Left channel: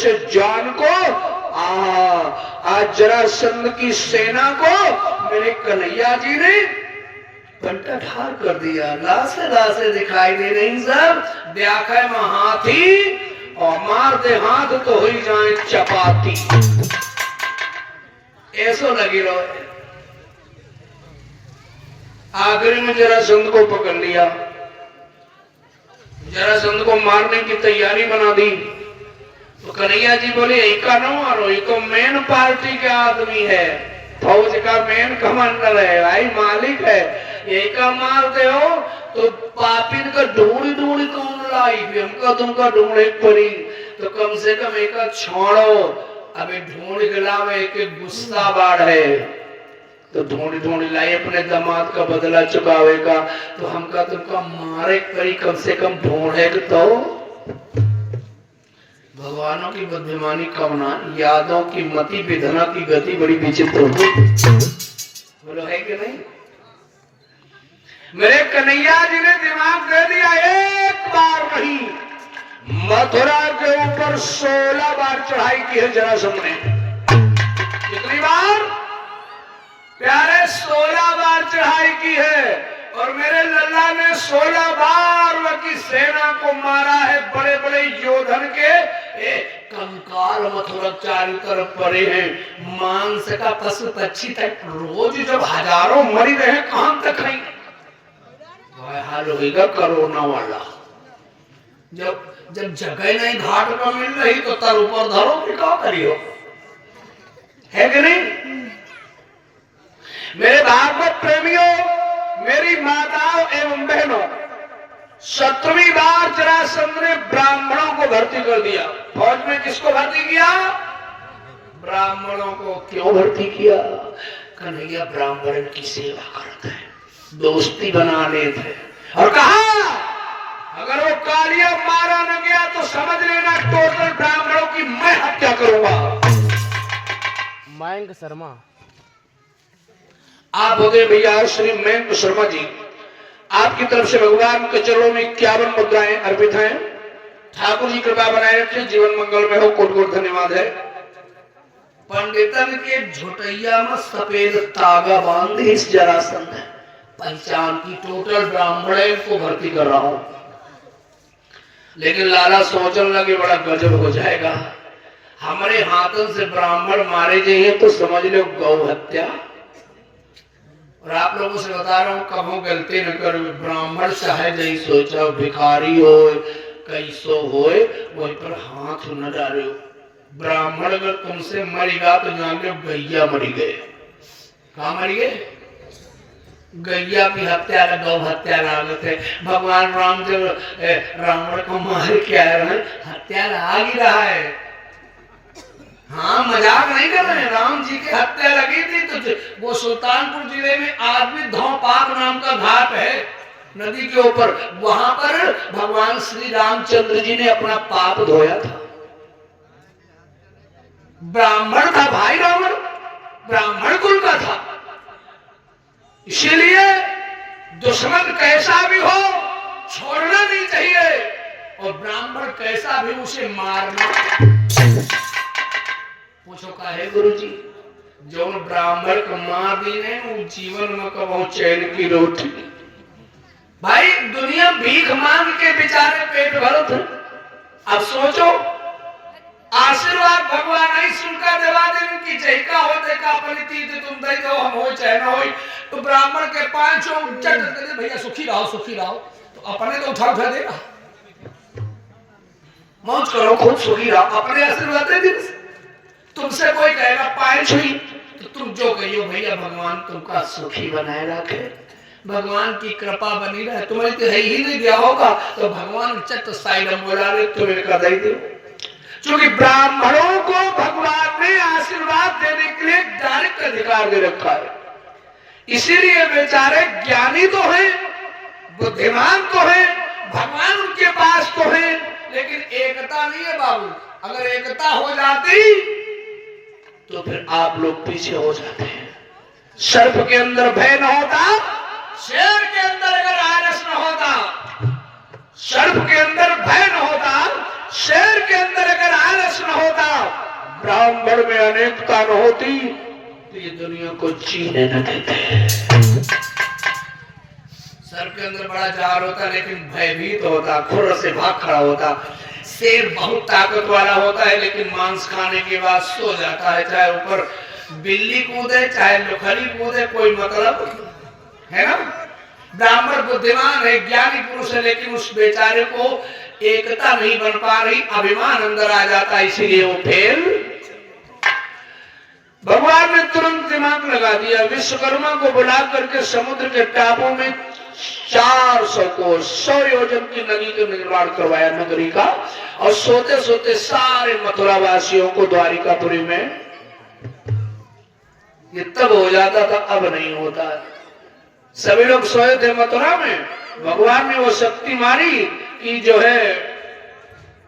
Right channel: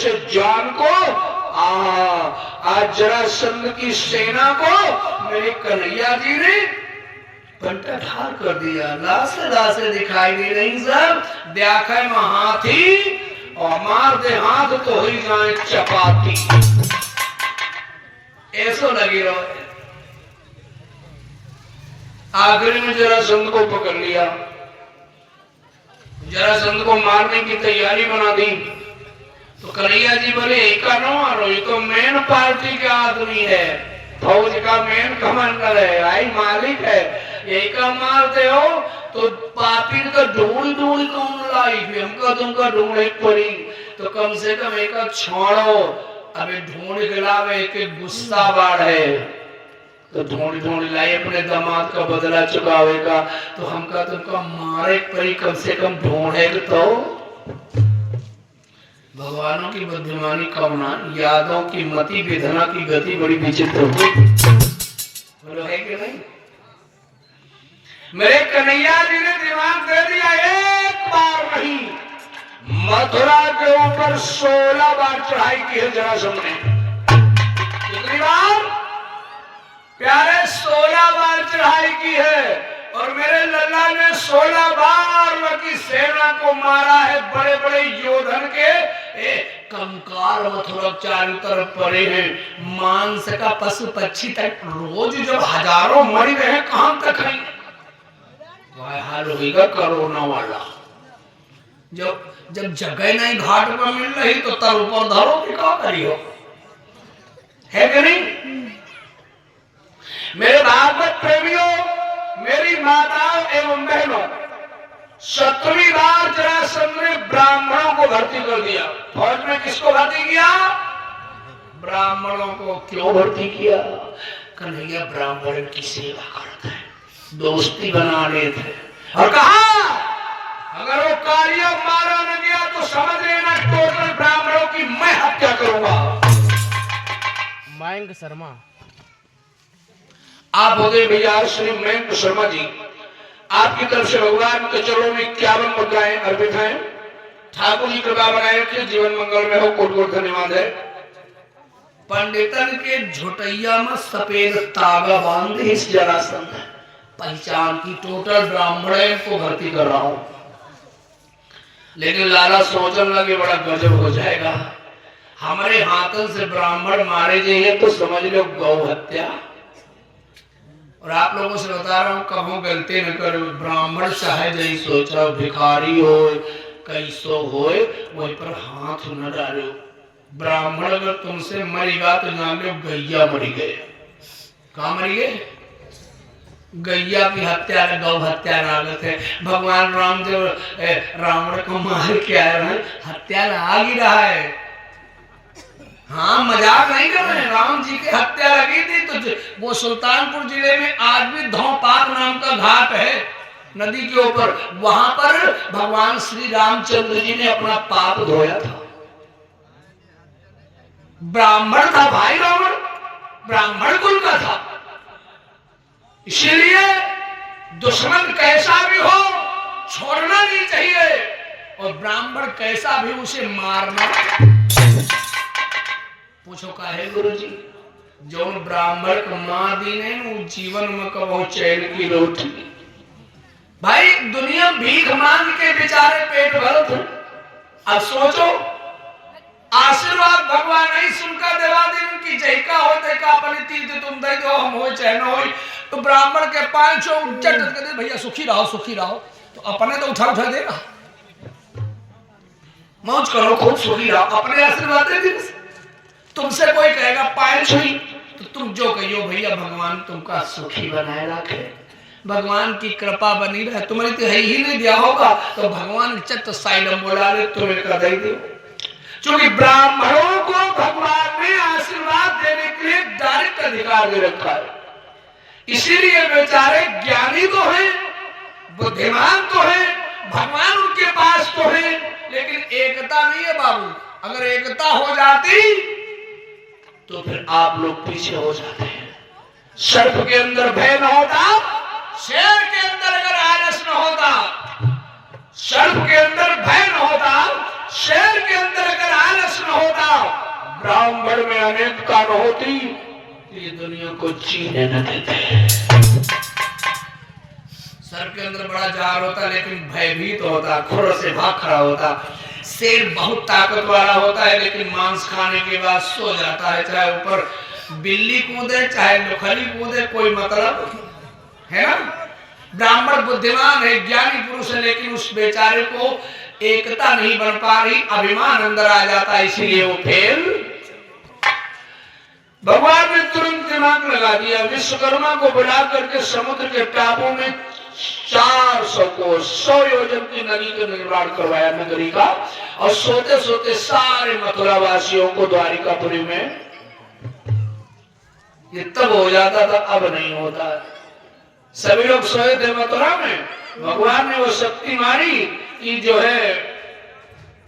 जैसे जान को आज जरासंध की सेना को मेरे कन्हैया जी ने पलटा ठार कर दिया। लासे लासे दिखाई दे रही सब, देखा में हाथी और मार दे हाथ तो ही जाए चपाती, ऐसो लगी रहो। आखिरी में जरासंध को पकड़ लिया, जरासंध को मारने की तैयारी बना दी। तो कन्हैया जी बोले एका नो मारो, ये तो मेन पार्टी के आदमी है, फौज का मेन कमांडर है, भाई मालिक है, एका मारते हो तो पापी तो ढूंढ ढूंढ कौन लाई, हमका तुमका ढूंढे पड़ी, तो कम से कम एक छोड़ो, अभी ढूंढ के लावे, एक गुस्सा बाढ़ है तो ढूंढ ढूंढ लाई, अपने दामाद का बदला चुकावेगा, तो हमका तुमका मारे पड़ी, कम से कम ढूंढे तो। भगवानों की बुद्धिमानी कवना, यादों की मति विधना की गति बड़ी विचित्र हुई, बोलो है कि नहीं। मेरे कन्हैया जी ने दिमाग दे दिया, एक बार नहीं मथुरा के ऊपर 16 बार चढ़ाई की है जरासंध ने। कितनी बार प्यारे? 16 बार चढ़ाई की है, और मेरे लल्ला ने 16 बार की सेना को मारा है। बड़े बड़े योधन के कंकाल मथुरा चारों तरफ पड़े हैं, मांस का पशु पक्षी तक रोज जब हजारों मरी रहे, कहां तक है हाल होगा कोरोना वाला। जब जगह नहीं घाट पर मिल रही तो तर ऊपर धरो कि क्या करियो, है कि नहीं। मेरे भागवत प्रेमियों, मेरी माताओं एवं बहनों, 7वीं बार जरासंध ने ब्राह्मणों को भर्ती कर दिया फौज में। किसको भर्ती किया? ब्राह्मणों को। क्यों भर्ती किया? कन्हैया ब्राह्मण की सेवा करता है, दोस्ती बना लेते, और कहा अगर वो कार्य मारा न गया तो समझ लेना टोटल ब्राह्मणों की मैं हत्या करूंगा। मयंक शर्मा, आप हो गए भैया श्री मयंक शर्मा जी, आपकी तरफ से भगवान के चरणों में 51 मुद्राएं अर्पित हैं। ठाकुर जी कृपा बनाए रखे, जीवन मंगल में हो, कोट कोट धन्यवाद है। पंडितन के झुटैया में सफेद तागा बांध इस जरासंध पहचान की टोटल ब्राह्मण को भर्ती कर रहा हूं, लेकिन लाला सोचने लगे बड़ा गजब हो जाएगा, हमारे हाथों से ब्राह्मण मारे जाएंगे तो समझ लो गौ हत्या। और आप लोगों से बता रहा हूं, कबो गलती न करो, ब्राह्मण चाहे नहीं सोच रहा, भिखारी हो कैसो हो, वहीं पर हाथ न डालो। ब्राह्मण अगर तुमसे मरेगा तो जान लो गैया मरी गए। कहा मरी गए? गैया की हत्या, गौ हत्या लागत है। भगवान राम जब रावण को मार के आए हैं, हत्या लाग ही रहा है। हाँ, मजाक नहीं कर रहे हैं, राम जी की हत्या लगी थी। तो वो सुल्तानपुर जिले में आज भी धौपाक नाम का घाट है नदी के ऊपर, वहां पर भगवान श्री रामचंद्र जी ने अपना पाप धोया था। ब्राह्मण था भाई, रावण ब्राह्मण कुल का था, इसीलिए दुश्मन कैसा भी हो छोड़ना नहीं चाहिए, और ब्राह्मण कैसा भी उसे मारना। पूछो का है गुरु जी, जो ब्राह्मण को मार दी ने वो जीवन में कबो चैन की रोटी। भाई दुनिया भीख मांग के बेचारे पेट भरत है। अब सोचो, आशीर्वाद भगवान नहीं सुनकर देवा दिन की जयका हो देखा अपनी तीर्थ तुम दे दो, हम हो चाहे न हो। तो ब्राह्मण के 500 उज्जत कर भैया सुखी रहो सुखी रहो, तो अपने तो उठा उठा देगा, मौज करो खूब सुखी रहो, अपने आशीर्वाद दे दे। तुमसे कोई कहेगा 500 ही, तो तुम जो कहियो भैया भगवान तुमका सुखी बनाए रखे, भगवान की कृपा बनी रहे। तुम्हें तो है ही नहीं दिया होगा तो भगवान चट साइडम बोला ले तुम्हें कर दे। क्योंकि ब्राह्मणों को भगवान ने आशीर्वाद देने के लिए डायरेक्ट अधिकार दे रखा है, इसीलिए बेचारे ज्ञानी तो हैं, बुद्धिमान तो हैं, भगवान उनके पास तो है, लेकिन एकता नहीं है बाबू। अगर एकता हो जाती तो फिर आप लोग पीछे हो जाते हैं। सर्प के अंदर भय न होता, शेर के अंदर अगर आलस न होता, सर्प के अंदर भय न होता, शेर के अंदर अगर आलस न होता, ब्राह्मण में अनेकता न होती ये दुनिया को जीने न देते। सर के अंदर बड़ा जार होता लेकिन भयभीत होता, खुर से भाग खड़ा होता। शेर बहुत ताकत वाला होता है लेकिन मांस खाने के बाद सो जाता है, चाहे ऊपर बिल्ली कूदे चाहे लोखली कूदे, कोई मतलब है ना। ब्राह्मण बुद्धिमान है, ज्ञानी पुरुष है, लेकिन उस बेचारे को एकता नहीं बन पा रही, अभिमान अंदर आ जाता है, इसीलिए वो फेल। भगवान ने तुरंत दिमाग लगा दिया, विश्वकर्मा को बुला करके समुद्र के टापू में 400 को 100 योजन की नदी का निर्माण करवाया नगरी का, और सोते सोते सारे मथुरा वासियों को द्वारिकापुरी में, ये तब हो जाता था, अब नहीं होता। सभी लोग सोए थे मथुरा में, भगवान ने वो शक्ति मारी कि जो है